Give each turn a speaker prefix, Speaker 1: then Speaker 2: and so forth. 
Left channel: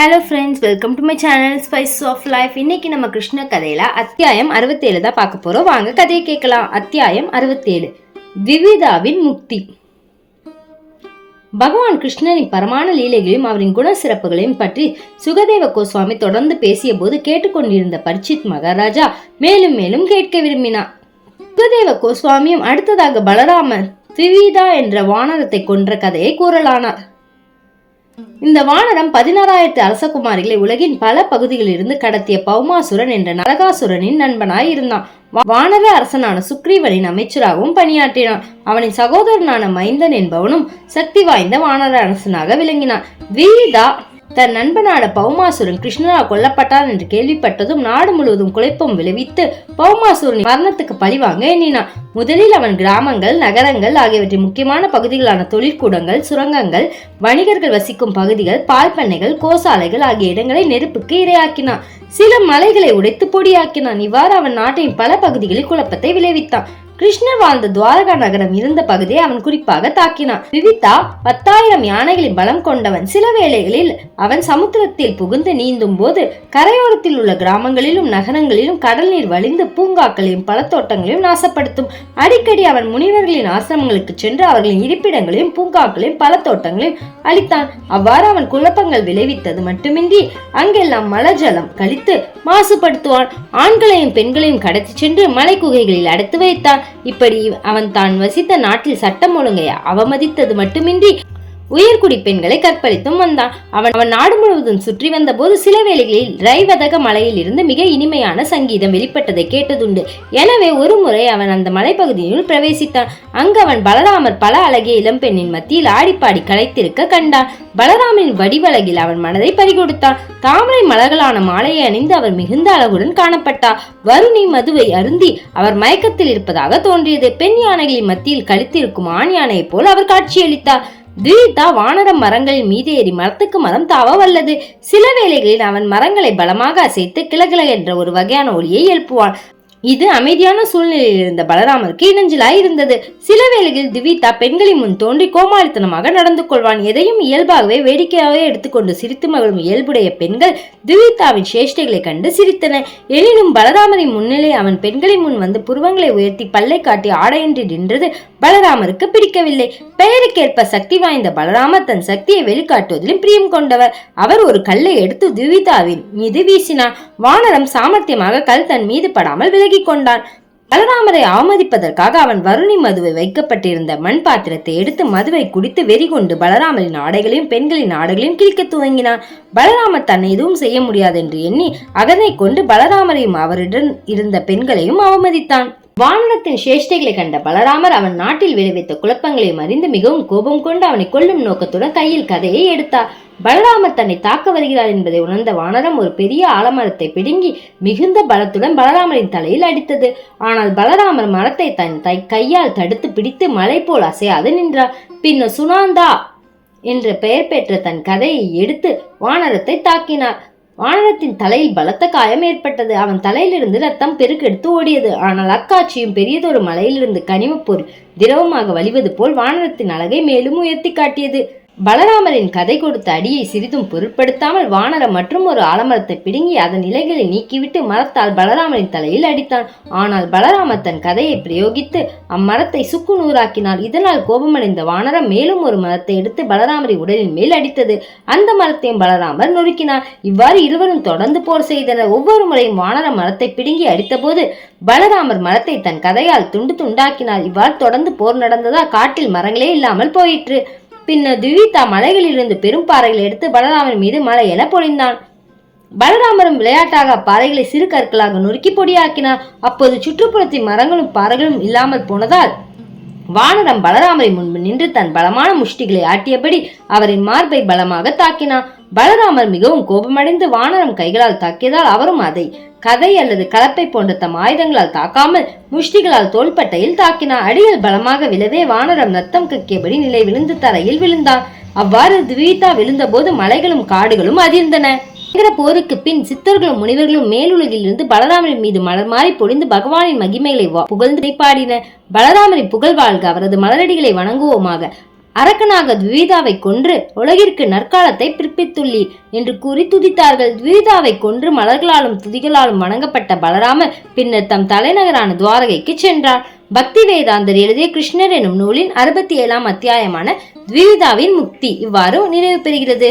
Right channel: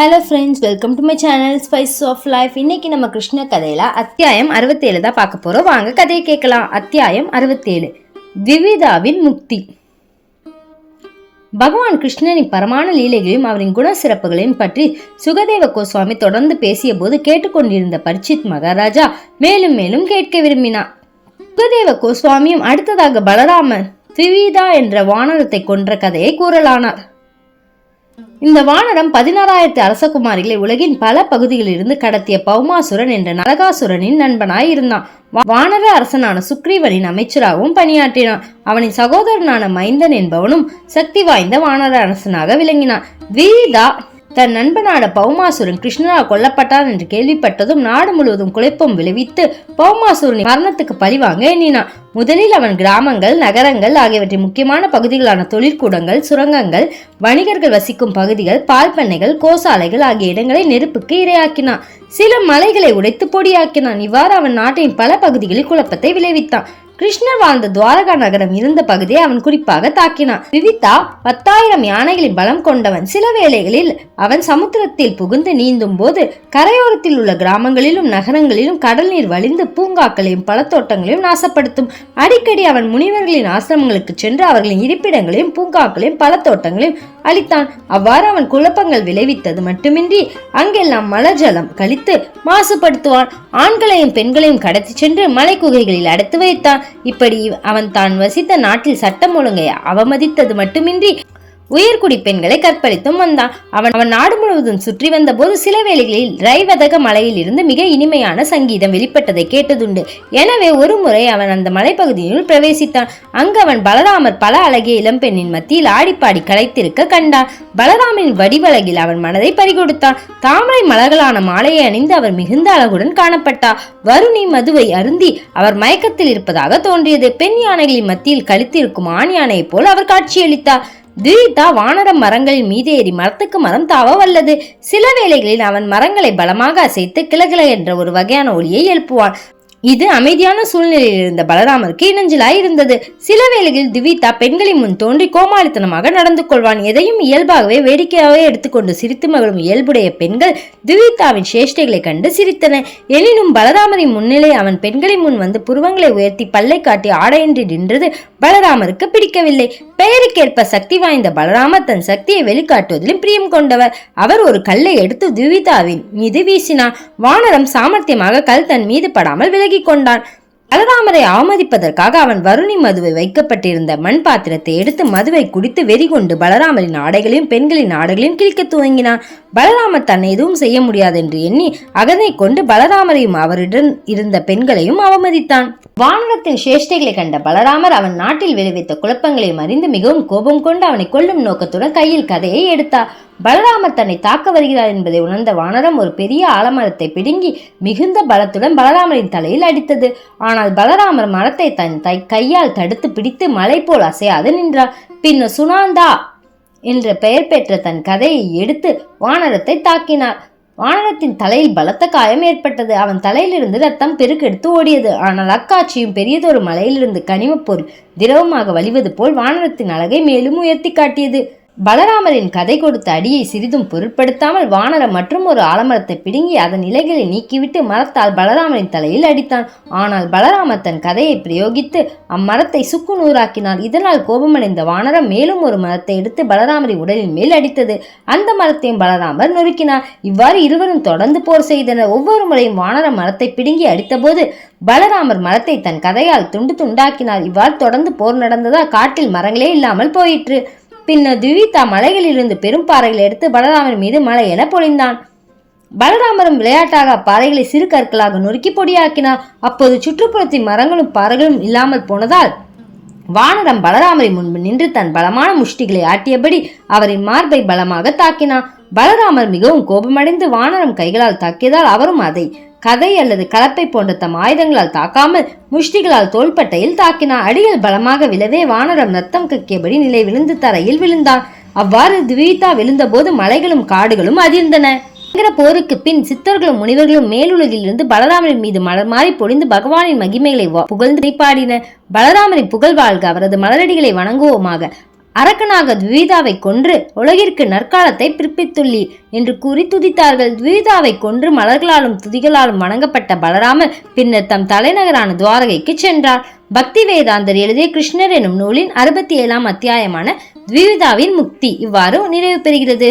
Speaker 1: Hello friends welcome to my channel spice of life இன்னைக்கு நம்ம கிருஷ்ண கதையில அத்தியாயம் அறுபத்தேழு தான் பார்க்க போறோம். வாங்க கதையை கேட்கலாம். அத்தியாயம் அறுபத்தேழு. விவிதாவின் முக்தி. பகவான் கிருஷ்ணனின் பரமான லீலைகளையும் அவரின் குண சிறப்புகளையும் பற்றி சுகதேவ கோஸ்வாமி தொடர்ந்து பேசிய போது கேட்டுக்கொண்டிருந்த பரிச்சித் மகாராஜா மேலும் மேலும் கேட்க விரும்பினார். சுகதேவ கோஸ்வாமியும் அடுத்ததாக பலராமன் விவிதா என்ற வானரத்தை கொன்ற கதையை கூறலானார். இந்த வானரம் பதினாறாயிரத்து அரசகுமாரிகளை உலகின் பல பகுதிகளிலிருந்து கடத்திய பௌமாசுரன் என்ற நரகாசுரனின் நண்பனாய் இருந்தான். வானர அரசனான சுக்ரீவனின் அமைச்சராகவும் பணியாற்றினான். அவனின் சகோதரனான மைந்தன் என்பவனும் சக்தி வாய்ந்த வானர அரசனாக விளங்கினான். வீதா தன் நண்பனான பௌமாசுரன் கிருஷ்ணரா கொல்லப்பட்டான் என்று கேள்விப்பட்டதும் நாடு முழுவதும் குழப்பம் விளைவித்து பௌமாசுரன் மரணத்துக்கு பழிவாங்க எண்ணினான். முதலில் அவன் கிராமங்கள் நகரங்கள் ஆகியவற்றின் முக்கியமான பகுதிகளான தொழிற்கூடங்கள் சுரங்கங்கள் வணிகர்கள் வசிக்கும் பகுதிகள் பால் பண்ணைகள் கோசாலைகள் ஆகிய இடங்களை நெருப்புக்கு இரையாக்கினான். சில மலைகளை உடைத்து பொடியாக்கினான். இவ்வாறு அவன் நாட்டின் பல பகுதிகளில் குழப்பத்தை விளைவித்தான். கிருஷ்ணர் வாழ்ந்த துவாரகா நகரம் இருந்த பகுதியை அவன் குறிப்பாக தாக்கினான். விவிதா பத்தாயிரம் யானைகளின் பலம் கொண்டவன் சில வேளைகளில் அவன் சமுத்திரத்தில் புகுந்து நீந்தும் போது கரையோரத்தில் உள்ள கிராமங்களிலும் நகரங்களிலும் கடல் நீர் வழிந்து பூங்காக்களையும் பழத்தோட்டங்களையும் நாசப்படுத்தும். அடிக்கடி அவன் முனிவர்களின் ஆசிரமங்களுக்கு சென்று அவர்களின் இருப்பிடங்களையும் பூங்காக்களையும் பழத்தோட்டங்களையும் அளித்தான் அவ்வாறு அவன் குழப்பங்கள் விளைவித்தது மட்டுமின்றி அங்கெல்லாம் மலஜலம் கழித்து மாசுபடுத்துவான். ஆண்களையும் பெண்களையும் கடத்தி சென்று மலை குகைகளில் அடைத்து வைத்தான். இப்படி அவன் தான் வசித்த நாட்டில் சட்டம் ஒழுங்கை அவமதித்தது மட்டுமின்றி உயர்குடி பெண்களை கற்பழித்தும் வந்தான். அவன் அவன் நாடு முழுவதும் சுற்றி வந்தபோது சில வேளைகளில் ரைவதக மலையில் இருந்து மிக இனிமையான சங்கீதம் வெளிப்பட்டதை கேட்டதுண்டு. எனவே ஒரு முறை அவன் அந்த மலைப்பகுதியினுள் பிரவேசித்தான். அங்கு அவன் பலராமர் பல அழகிய இளம்பெண்ணின் மத்தியில் ஆடிப்பாடி களைத்திருக்க கண்டான். பலராமனின் வடிவழகில் அவன் மனதை பறிகொடுத்தான். தாமரை மலர்களான மாலையை அணிந்து அவர் மிகுந்த அழகுடன் காணப்பட்டார். வருணி மதுவை அருந்தி அவர் மயக்கத்தில் இருப்பதாக தோன்றியது. பெண் யானைகளின் மத்தியில் கழித்திருக்கும் ஆண் யானையைப் போல் அவர் காட்சியளித்தார். துரிதா வானரம் மரங்களின் மீது ஏறி மரத்துக்கு மரம் தாவ வல்லது. சில வேளைகளில் அவன் மரங்களை பலமாக அசைத்து கிளகிள என்ற ஒரு வகையான ஒளியை எழுப்புவான். இது அமைதியான சூழ்நிலையில் இருந்த பலராமருக்கு இணைஞ்சலாய் இருந்தது. சில வேளைகளில் திவிதா பெண்களின் முன் தோன்றி கோமாளித்தனமாக நடந்து கொள்வான். எதையும் இயல்பாகவே வேடிக்கையாகவே எடுத்துக்கொண்டு சிரித்து மகளும் இயல்புடைய பெண்கள் திவிதாவின் சேஷ்டைகளை கண்டு சிரித்தன. எனினும் பலராமரின் முன்னிலை அவன் பெண்களின் முன் வந்து புருவங்களை உயர்த்தி பல்லை காட்டி ஆடையின்றி நின்றது பலராமருக்கு பிடிக்கவில்லை. பெயருக்கேற்ப சக்தி வாய்ந்த பலராமர் தன் சக்தியை வெளிக்காட்டுவதிலும் பிரியம் கொண்டவர். அவர் ஒரு கல்லை எடுத்து துவிதாவின் மீது வீசினார். வானரம் சாமர்த்தியமாக கல் தன் மீது படாமல் விலகி விலகிக் கொண்டான் பலராமரை அவமதிப்பதற்காக அவன் வருணி மதுவை வைக்கப்பட்டிருந்த மண் பாத்திரத்தை எடுத்து மதுவை குடித்து வெறி கொண்டு பலராமரின் ஆடைகளையும் பெண்களின் ஆடைகளையும் கிழிக்க துவங்கினான். பலராமர் தன்னை எதுவும் செய்ய முடியாது என்று எண்ணி அகனை கொண்டு பலராமரையும் அவரிடம் இருந்த பெண்களையும் அவமதித்தான். வானரத்தின் சேஷ்டைகளை கண்ட பலராமர் அவன் நாட்டில் விளைவித்த குழப்பங்களையும் அறிந்து மிகவும் கோபம் கொண்டு அவனை கொல்லும் நோக்கத்துடன் கையில் கதையை எடுத்தார். பலராமர் தன்னை தாக்க வருகிறார் என்பதை உணர்ந்த வானரம் ஒரு பெரிய ஆலமரத்தை பிடுங்கி மிகுந்த பலத்துடன் பலராமரின் தலையில் அடித்தது. ஆனால் பலராமர் மரத்தை தன் தை கையால் தடுத்து பிடித்து மலை போல் அசையாது நின்றார். பின்னர் சுனாந்தா என்ற பெயர் பெற்ற தன் கதையை எடுத்து வானரத்தை தாக்கினார். வானரத்தின் தலையில் பலத்த காயம் ஏற்பட்டது. அவன் தலையிலிருந்து ரத்தம் பெருக்கெடுத்து ஓடியது. ஆனால் அக்காட்சியும் பெரியதொரு மலையிலிருந்து கனிமப்பொருள் திரவமாக வழிவது போல் வானரத்தின் அழகை மேலும் உயர்த்தி காட்டியது. பலராமரின் கதை கொடுத்த அடியை சிறிதும் பொருட்படுத்தாமல் வானரம் மற்றும் ஒரு ஆலமரத்தை பிடுங்கி அதன் இலைகளை நீக்கிவிட்டு மரத்தால் பலராமரின் தலையில் அடித்தான். ஆனால் பலராமர் தன் கதையை பிரயோகித்து அம்மரத்தை சுக்கு நூறாக்கினார். இதனால் கோபமடைந்த வானரம் மேலும் ஒரு மரத்தை எடுத்து பலராமரை உடலின் மேல் அடித்தது. அந்த மரத்தையும் பலராமர் நொறுக்கினார். இவ்வாறு இருவரும் தொடர்ந்து போர் செய்தனர். ஒவ்வொரு முறையும் வானரம் மரத்தை பிடுங்கி அடித்தபோது பலராமர் மரத்தை தன் கதையால் துண்டு துண்டாக்கினார். இவ்வாறு தொடர்ந்து போர் நடந்ததால் காட்டில் மரங்களே இல்லாமல் போயிற்று. பின்னர் துவிதா மலைகளிலிருந்து பெரும் பாறைகளை எடுத்து பலராமர் மீது மலை என பொழிந்தான். பலராமரும் விளையாட்டாக பாறைகளை சிறு கற்களாக நொறுக்கி பொடியாக்கினார். அப்போது சுற்றுப்புறத்தின் மரங்களும் பாறைகளும் இல்லாமல் போனதால் வானரம் பலராமரை முன்பு நின்று தன் பலமான முஷ்டிகளை ஆட்டியபடி அவரின் மார்பை பலமாக தாக்கினான் பலராமர் மிகவும் கோபமடைந்து வானரம் கைகளால் தாக்கியதால் அவரும் அதை கதை அல்லது கலப்பை போன்ற தம் ஆயுதங்களால் தாக்காமல் முஷ்டிகளால் தோள்பட்டையில் தாக்கினார் அடியில் பலமாக விழவே வானரம் ரத்தம் கக்கியபடி நிலை விழுந்து தரையில் விழுந்தான். அவ்வாறு துவீதா விழுந்தபோது மலைகளும் காடுகளும் அதிர்ந்தன. பயங்கர போருக்கு பின் சித்தர்களும் முனிவர்களும் மேலுலகில் இருந்து பலராமரின் மீது மலர் மாறி பொழிந்து பகவானின் மகிமைகளை புகழ்ந்து பாடின. பலராமரின் புகழ் வாழ்க. அவரது மலரடிகளை வணங்குவோமாக. அரக்கனாக துவிதாவை கொன்று உலகிற்கு நற்காலத்தை பிற்பித்துள்ளீர் என்று கூறி துதித்தார்கள். துவிதாவை கொன்று மலர்களாலும் துதிகளாலும் வணங்கப்பட்ட பலராமர் பின்னர் தம் தலைநகரான துவாரகைக்கு சென்றார். பக்தி வேதாந்தர் எழுதிய கிருஷ்ணர் எனும் நூலின் அறுபத்தி ஏழாம் அத்தியாயமான துவிதாவின் முக்தி இவ்வாறு நிறைவு பெறுகிறது.